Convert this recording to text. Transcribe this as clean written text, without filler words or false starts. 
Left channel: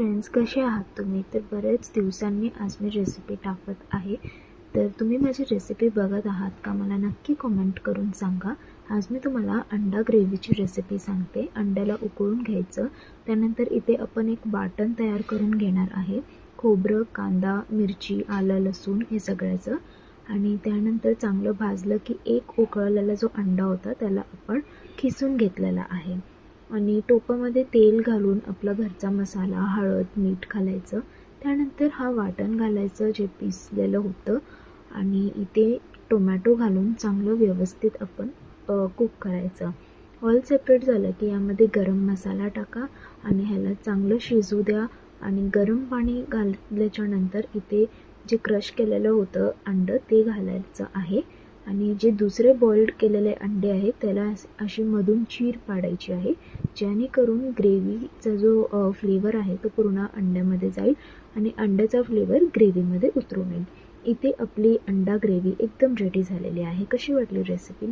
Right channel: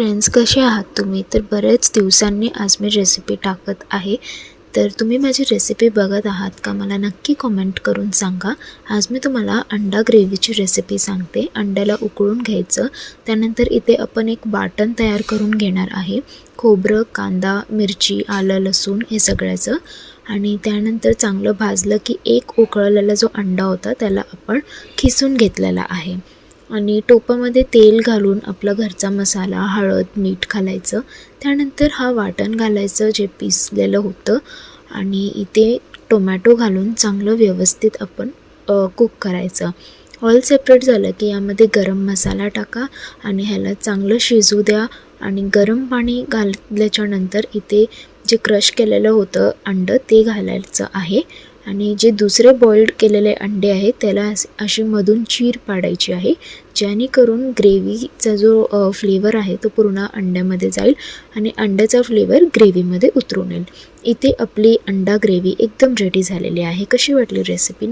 Friends, कसे आहात तुम्ही? तर बरेच दिवसांनी आज मी रेसिपी टाकत आहे. तर तुम्ही माझी रेसिपी बघत आहात का? मला नक्की कमेंट करून सांगा. आज मी तुम्हाला अंडा ग्रेव्हीची रेसिपी सांगते. अंड्याला उकळून घ्यायचं, त्यानंतर इथे आपण एक वाटण तयार करून घेणार आहे. खोबरं, कांदा, मिरची, आलं, लसूण हे सगळ्याचं. आणि त्यानंतर चांगलं भाजलं की एक उकळलेला जो अंडा होता त्याला आपण खिसून घेतलेला आहे. आणि टोपामध्ये तेल घालून आपला घरचा मसाला, हळद, मीठ घालायचं. त्यानंतर हा वाटण घालायचं जे पिसलेलं होतं आणि इथे टोमॅटो घालून चांगलं व्यवस्थित आपण कुक करायचं. ऑल सेपरेट झालं की यामध्ये गरम मसाला टाका आणि ह्याला चांगलं शिजू द्या. आणि गरम पाणी घातल्याच्यानंतर इथे जे क्रश केलेलं होतं अंडं ते घालायचं आहे. आणि जे दुसरे बॉइल्ड केलेले अंडे आहेत त्याला अशी मधून चीर पाडायची आहे, जेणेकरून ग्रेव्हीचा जो फ्लेवर आहे तो पूर्ण अंड्यामध्ये जाईल आणि अंड्याचा फ्लेवर ग्रेव्हीमध्ये उतरून येईल. इथे आपली अंडा ग्रेव्ही एकदम रेडी झालेली आहे. कशी वाटली रेसिपी?